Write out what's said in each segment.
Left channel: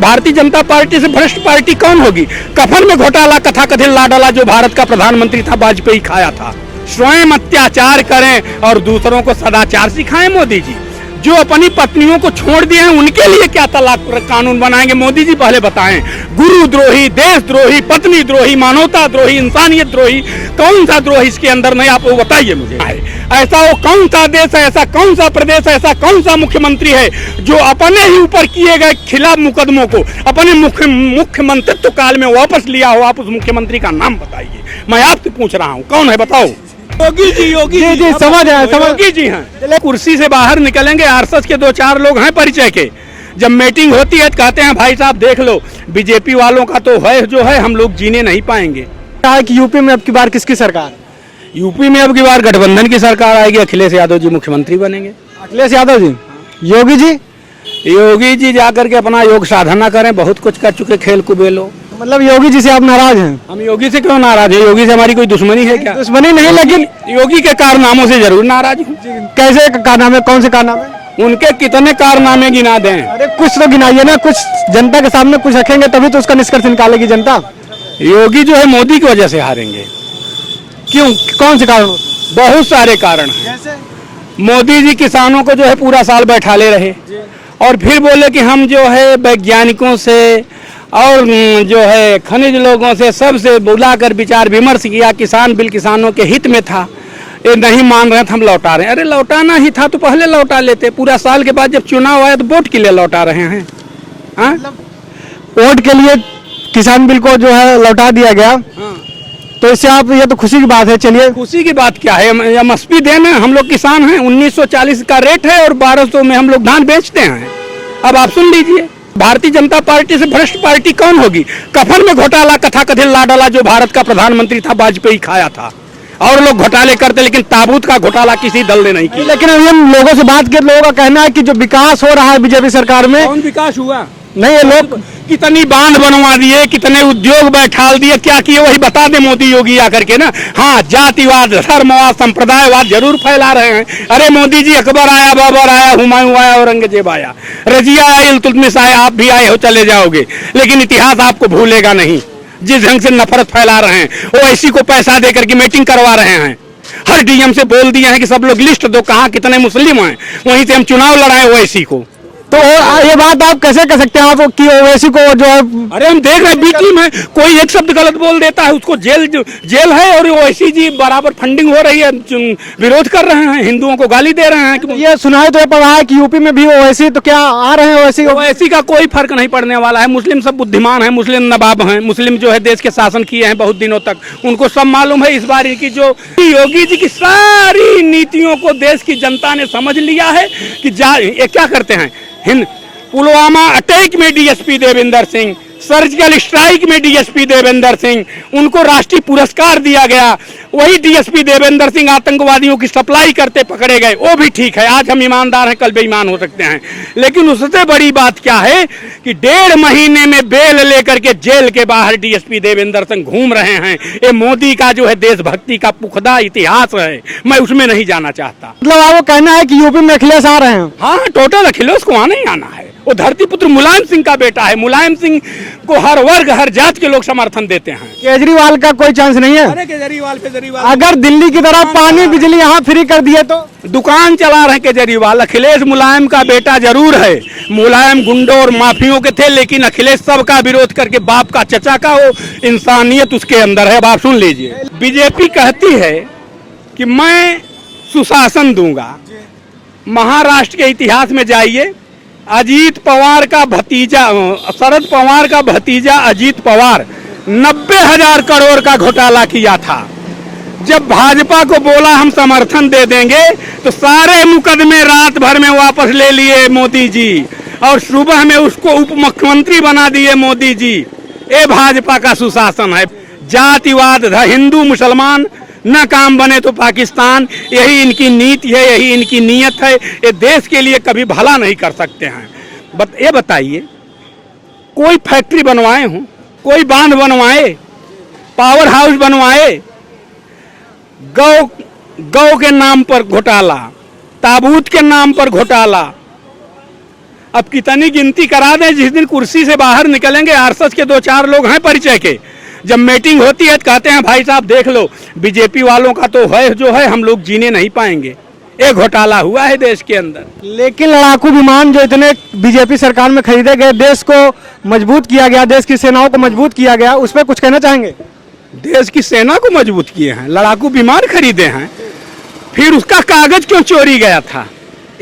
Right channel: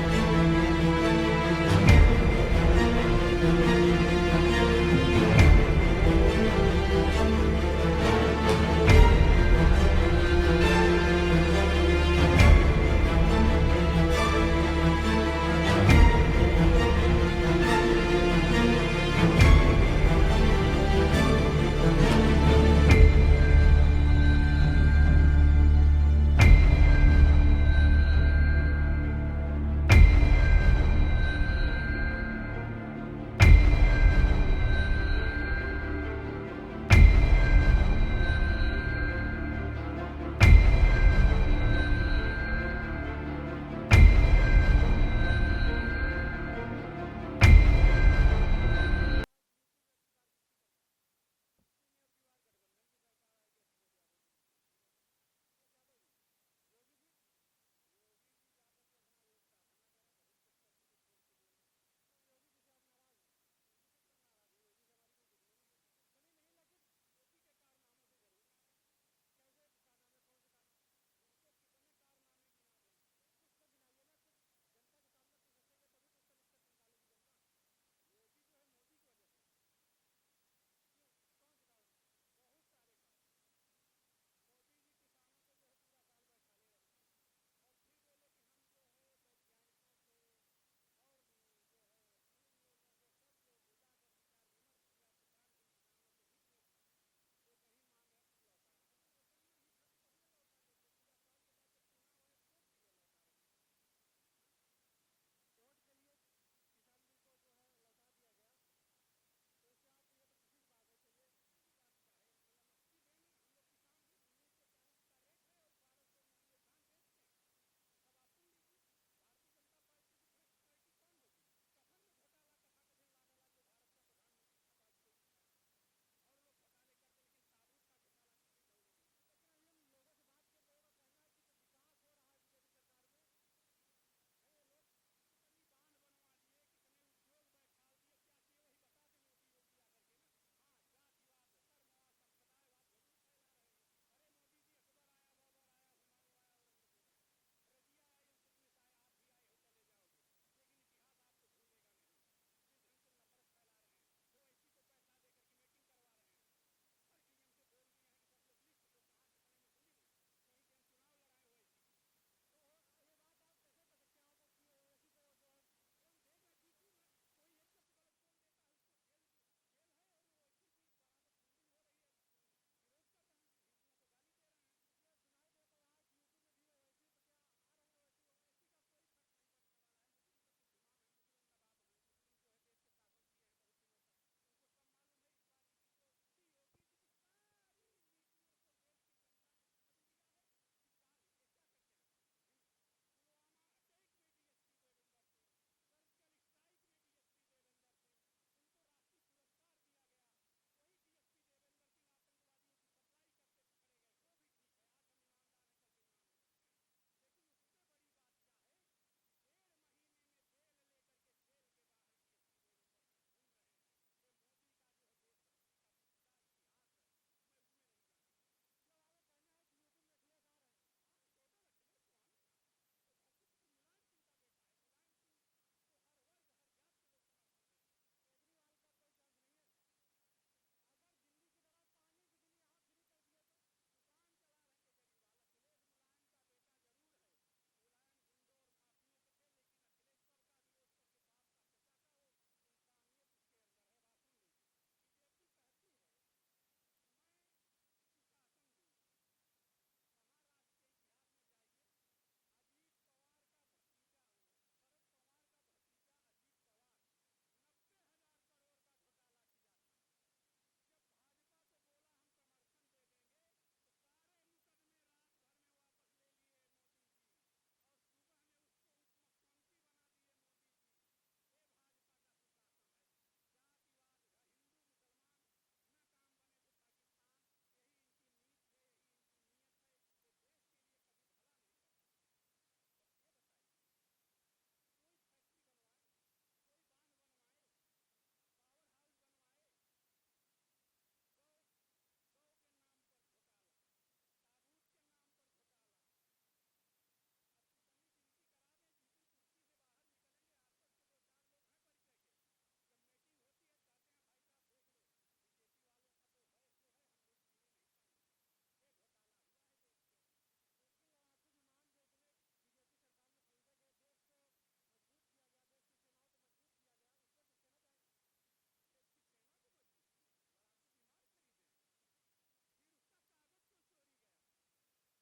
Bharatiya Janata party से भ्रष्ट party कौन होगी। कफन में घोटाला कथाकथित लाडला जो भारत का प्रधानमंत्री था वाजपेयी खाया था। स्वयं अत्याचार करें और दूसरों को सदाचार सिखाएं मोदी जी। जो अपनी पत्नियों को छोड़ दिए हैं उनके लिए क्या तलाक कानून बनाएंगे मोदी जी, पहले बताएं। गुरु द्रोही, देशद्रोही, पत्नी द्रोही, मानवता द्रोही, इंसानियत द्रोही, कौन सा द्रोही इसके अंदर नहीं, आप वो बताइए मुझे। ऐसा वो कौन सा देश है, ऐसा कौन सा प्रदेश है, ऐसा कौन सा मुख्यमंत्री है जो अपने ही ऊपर किए गए खिलाफ मुकदमों को अपने मुख्यमंत्रित्व काल में वापस लिया हो। आप उस मुख्यमंत्री का नाम बताइए, मैं आपसे पूछ रहा हूँ, कौन है बताओ। योगी जी, योगी जी, समझ योगी जी हैं। कुर्सी से बाहर निकलेंगे, आरएसएस के 2-4 लोग हैं परिचय के। जब मीटिंग होती है तो कहते हैं भाई साहब देख लो, बीजेपी वालों का तो है जो है, हम लोग जीने नहीं पाएंगे। कहा कि यूपी में अब की बार किसकी सरकार? यूपी में अब की बार गठबंधन की सरकार आएगी, अखिलेश यादव जी मुख्यमंत्री बनेंगे। अखिलेश यादव जी। योगी जी? योगी जी जाकर के अपना योग साधना करें, बहुत कुछ कर चुके, खेल कुबेलो। मतलब योगी जी से आप नाराज हैं? हम योगी से क्यों नाराज है? योगी से हमारी कोई दुश्मनी है क्या? दुश्मनी नहीं, लेकिन योगी के कारनामों से जरूर नाराज हूँ। कैसे कारनामे, कौन से कारनामे? उनके कितने कारनामे गिना दें? अरे कुछ तो गिनाइए ना, कुछ जनता के सामने कुछ रखेंगे तभी तो उसका निष्कर्ष निकालेगी जनता। योगी जो है मोदी की वजह से हारेंगे। क्यों, कौन से कारण? बहुत सारे कारण हैं। जैसे मोदी जी किसानों को जो है पूरा साल बैठा ले रहे और फिर बोले कि हम जो है वैज्ञानिकों से और जो है खनिज लोगों से सबसे बुलाकर विचार विमर्श किया, किसान बिल किसानों के हित में था, ये नहीं मान रहे थे, हम लौटा रहे हैं। अरे लौटाना ही था तो पहले लौटा लेते, पूरा साल के बाद जब चुनाव आया तो वोट के लिए लौटा रहे हैं। हाँ, वोट के लिए किसान बिल को जो है लौटा दिया गया। हाँ। तो इससे आप, ये तो खुशी की बात है। चलिए, खुशी की बात क्या है, एमएसपी देना, हम लोग किसान हैं, 1940 का रेट है और 1200 में हम लोग धान बेचते हैं। अब आप सुन लीजिए, भारतीय जनता पार्टी से भ्रष्ट पार्टी कौन होगी। कफन में घोटाला कथाकथित लाडला जो भारत का प्रधानमंत्री था वाजपेयी खाया था। और लोग घोटाले करते, लेकिन ताबूत का घोटाला किसी दल ने नहीं किया। लेकिन हम लोगों से बात कर, लोगों का कहना है कि जो विकास हो रहा है बीजेपी सरकार में, कौन विकास हुआ? नहीं, ये लोग कितनी बांध बनवा दिए, कितने उद्योग बैठाल दिए, क्या किए वही बता दे मोदी योगी आकर के ना। हाँ, जातिवाद, धर्मवाद, संप्रदायवाद जरूर फैला रहे हैं। अरे मोदी जी, अकबर आया, बाबर आया, हुमायूं आया, औरंगजेब आया, रजिया आया, इल्तुतमिश आया, आप भी आए हो चले जाओगे, लेकिन इतिहास आपको भूलेगा नहीं। जिस ढंग से नफरत फैला रहे हैं, ओवैसी को पैसा देकर के मीटिंग करवा रहे हैं। हर डीएम से बोल दिए हैं कि सब लोग लिस्ट दो, कहाँ कितने मुस्लिम हैं, वहीं से हम चुनाव लड़ाए ओवैसी को। तो ये बात आप कैसे कर सकते हैं आप कि ओवैसी को जो है? अरे हम देख रहे हैं बीटी में कोई एक शब्द गलत बोल देता है, उसको जेल है, और ओवैसी जी बराबर फंडिंग हो रही है, विरोध कर रहे हैं, हिंदुओं को गाली दे रहे हैं। ये सुनाई तो पड़ा है कि यूपी में भी ओवैसी, तो क्या आ रहे हैं ओवैसी? ओवैसी का कोई फर्क नहीं पड़ने वाला है। मुस्लिम सब बुद्धिमान है, मुस्लिम नवाब हैं, मुस्लिम जो है देश के शासन किए हैं बहुत दिनों तक, उनको सब मालूम है। इस बार की जो योगी जी की सारी नीतियों को देश की जनता ने समझ लिया है कि ये क्या करते हैं। पुलवामा अटैक में DSP Devendra Singh, surgical strike में डीएसपी देवेंद्र सिंह, उनको राष्ट्रीय पुरस्कार दिया गया। वही डीएसपी देवेंद्र सिंह आतंकवादियों की सप्लाई करते पकड़े गए, वो भी ठीक है, आज हम ईमानदार हैं, कल बेईमान हो सकते हैं। लेकिन उससे बड़ी बात क्या है कि 1.5 महीने में बेल लेकर के जेल के बाहर डीएसपी देवेंद्र सिंह घूम रहे हैं। ये मोदी का जो है देशभक्ति का पुख्ता इतिहास है, मैं उसमें नहीं जाना चाहता। मतलब आपको कहना है कि यूपी में अखिलेश आ रहे हैं? हाँ, टोटल अखिलेश को आना ही आना है। वो धरती पुत्र मुलायम सिंह का बेटा है, मुलायम सिंह को हर वर्ग हर जात के लोग समर्थन देते हैं। केजरीवाल का कोई चांस नहीं है? अरे केजरीवाल अगर दिल्ली की तरह पानी बिजली यहाँ फ्री कर दिए तो? दुकान चला रहे केजरीवाल। अखिलेश मुलायम का बेटा जरूर है, मुलायम गुंडों और माफियों के थे, लेकिन अखिलेश सबका विरोध करके बाप का चचा का वो इंसानियत उसके अंदर है। अब आप सुन लीजिए, बीजेपी कहती है कि मैं सुशासन दूंगा। महाराष्ट्र के इतिहास में जाइए, अजीत पवार का भतीजा, शरद पवार का भतीजा अजीत पवार 90,000 करोड़ का घोटाला किया था। जब भाजपा को बोला हम समर्थन दे देंगे तो सारे मुकदमे रात भर में वापस ले लिए मोदी जी, और सुबह में उसको उप मुख्यमंत्री बना दिए मोदी जी। ये भाजपा का सुशासन है। जातिवाद, हिंदू मुसलमान न काम बने तो पाकिस्तान, यही इनकी नीति है, यही इनकी नीयत है। ये देश के लिए कभी भला नहीं कर सकते हैं। ये बताइए, कोई फैक्ट्री बनवाए हों, कोई बांध बनवाए, पावर हाउस बनवाए, गौ के नाम पर घोटाला, ताबूत के नाम पर घोटाला, अब कितनी गिनती करा दें, जिस दिन कुर्सी से बाहर निकलेंगे आरएसएस के 2-4 लोग हैं परिचय के, जब मीटिंग होती है तो कहते हैं भाई साहब देख लो बीजेपी वालों का तो है जो है, हम लोग जीने नहीं पाएंगे। एक घोटाला हुआ है देश के अंदर। लेकिन लड़ाकू विमान जो इतने बीजेपी सरकार में खरीदे गए, देश को मजबूत किया गया, देश की सेनाओं को मजबूत किया गया, उस पर कुछ कहना चाहेंगे? देश की सेना को मजबूत किए हैं, लड़ाकू विमान खरीदे हैं, फिर उसका कागज क्यों चोरी गया था?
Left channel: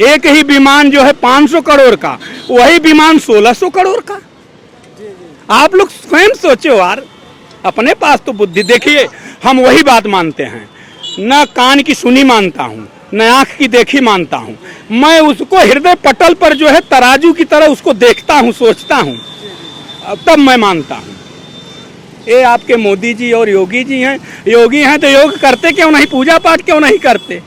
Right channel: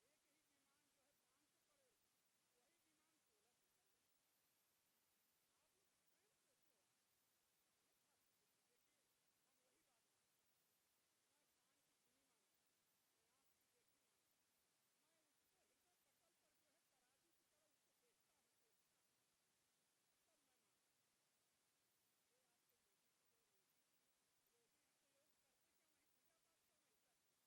एक ही विमान जो है 500 करोड़ का, वही विमान 1600 करोड़ का। आप लोग स्वयं सोचो यार, अपने पास तो बुद्धि। देखिए हम वही बात मानते हैं, न कान की सुनी मानता हूँ, न आंख की देखी मानता हूँ, मैं उसको हृदय पटल पर जो है तराजू की तरह उसको देखता हूँ, सोचता हूँ, तब मैं मानता हूँ। ये आपके मोदी जी और योगी जी हैं, योगी हैं तो योग करते क्यों नहीं, पूजा पाठ क्यों नहीं करते?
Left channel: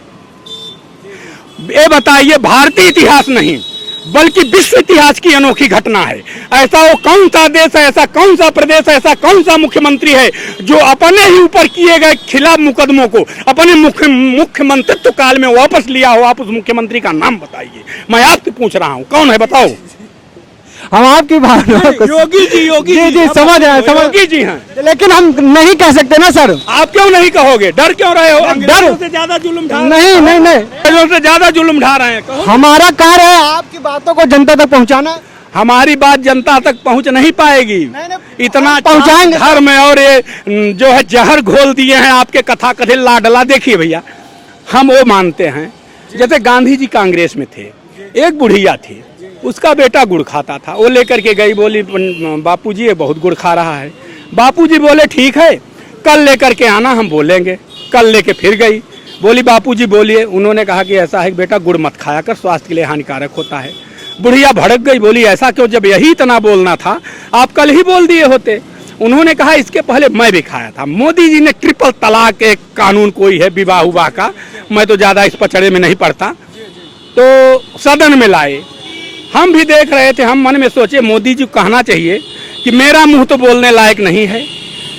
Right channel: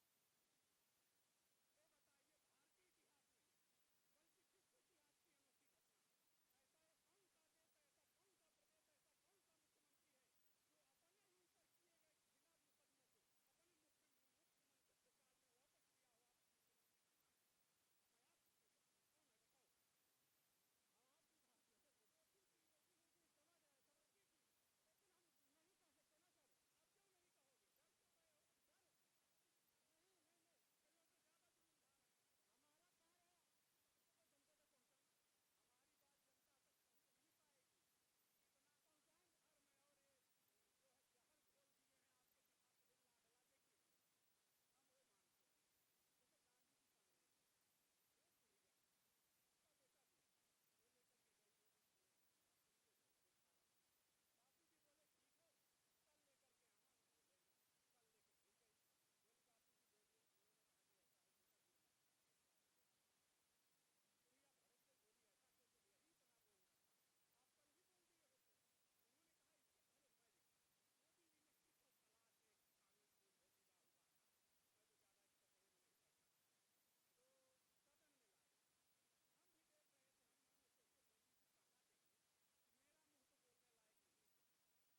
ये बताइए, भारतीय इतिहास नहीं बल्कि विश्व इतिहास की अनोखी घटना है। ऐसा वो कौन सा देश है, ऐसा कौन सा प्रदेश है, ऐसा कौन सा मुख्यमंत्री है जो अपने ही ऊपर किए गए खिलाफ मुकदमों को अपने मुख्यमंत्रित्व काल में वापस लिया हो? आप उस मुख्यमंत्री का नाम बताइए, मैं आपसे पूछ रहा हूँ, कौन है बताओ? हम आपकी भावना को योगी जी समझ रहे हैं, योगी जी हैं, लेकिन हम नहीं कह सकते ना सर। आप क्यों नहीं कहोगे? डर क्यों रहे हो? अंग्रेजों से ज्यादा जुल्म ढा नहीं, अंग्रेजों से ज्यादा जुल्म ढा रहे हैं। कहो। हमारा कार्य है आपकी बातों को जनता तक पहुंचाना। हमारी बात जनता तक पहुंच नहीं पाएगी, इतना पहुंचाएंगे धर्म में, और ये जो है जहर घोल दिए हैं आपके कथा कथित लाडला। देखिए भैया, हम वो मानते हैं, जैसे गांधी जी कांग्रेस में थे, एक बुढ़िया थी, उसका बेटा गुड़ खाता था, वो लेकर के गई, बोली बापूजी ये बहुत गुड़ खा रहा है। बापूजी बोले ठीक है, कल लेकर के आना, हम बोलेंगे। कल लेके फिर गई, बोली बापूजी बोलिए। उन्होंने कहा कि ऐसा है बेटा, गुड़ मत खाया कर, स्वास्थ्य के लिए हानिकारक होता है। बुढ़िया भड़क गई, बोली ऐसा क्यों, जब यही इतना बोलना था आप कल ही बोल दिए होते। उन्होंने कहा इसके पहले मैं भी खाया था। मोदी जी ने ट्रिपल तलाक एक कानून कोई है विवाह उवाह का, मैं तो ज़्यादा इस पचड़े में नहीं पड़ता, तो सदन में लाए। हम भी देख रहे थे, हम मन में सोचे मोदी जी को कहना चाहिए कि मेरा मुंह तो बोलने लायक नहीं है,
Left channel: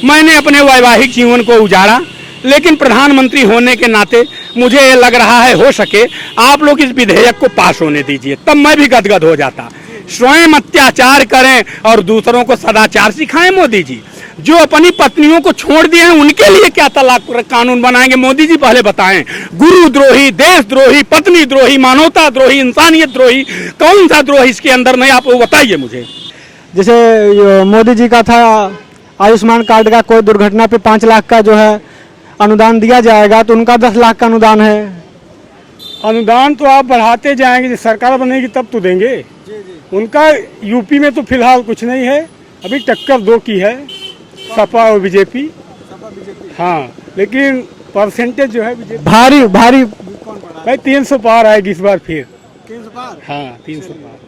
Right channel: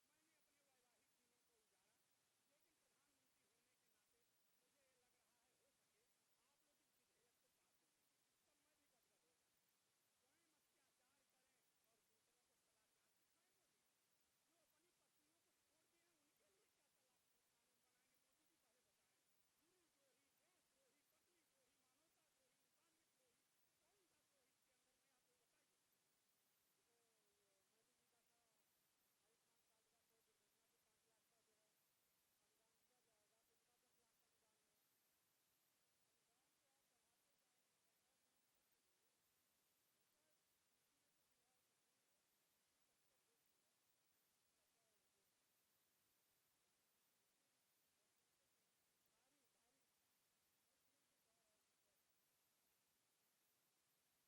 मैंने अपने वैवाहिक जीवन को उजाड़ा, लेकिन प्रधानमंत्री होने के नाते मुझे ये लग रहा है हो सके आप लोग इस विधेयक को पास होने दीजिए, तब मैं भी गदगद हो जाता। स्वयं अत्याचार करें और दूसरों को सदाचार सिखाएं मोदी जी। जो अपनी पत्नियों को छोड़ दिए हैं उनके लिए क्या तलाक कानून बनाएंगे? मोदी जी पहले बताएं, गुरुद्रोही, देशद्रोही, पत्नी द्रोही, मानवता द्रोही, इंसानियत द्रोही, कौन सा द्रोह इसके अंदर नहीं, आप वो बताइए मुझे। जैसे मोदी जी का था आयुष्मान कार्ड का, कोई दुर्घटना पे 5 लाख का जो है अनुदान दिया जाएगा, तो उनका 10 लाख का अनुदान है। अनुदान तो आप बढ़ाते जाएंगे, जब सरकार बनेगी तब तो देंगे। उनका यूपी में तो फिलहाल कुछ नहीं है, अभी टक्कर 2 की है, सपा और बीजेपी। हाँ, लेकिन परसेंटेज जो है भारी भाई 300 पार आएगी इस बार फिर। 300 पार? हाँ 300 पार।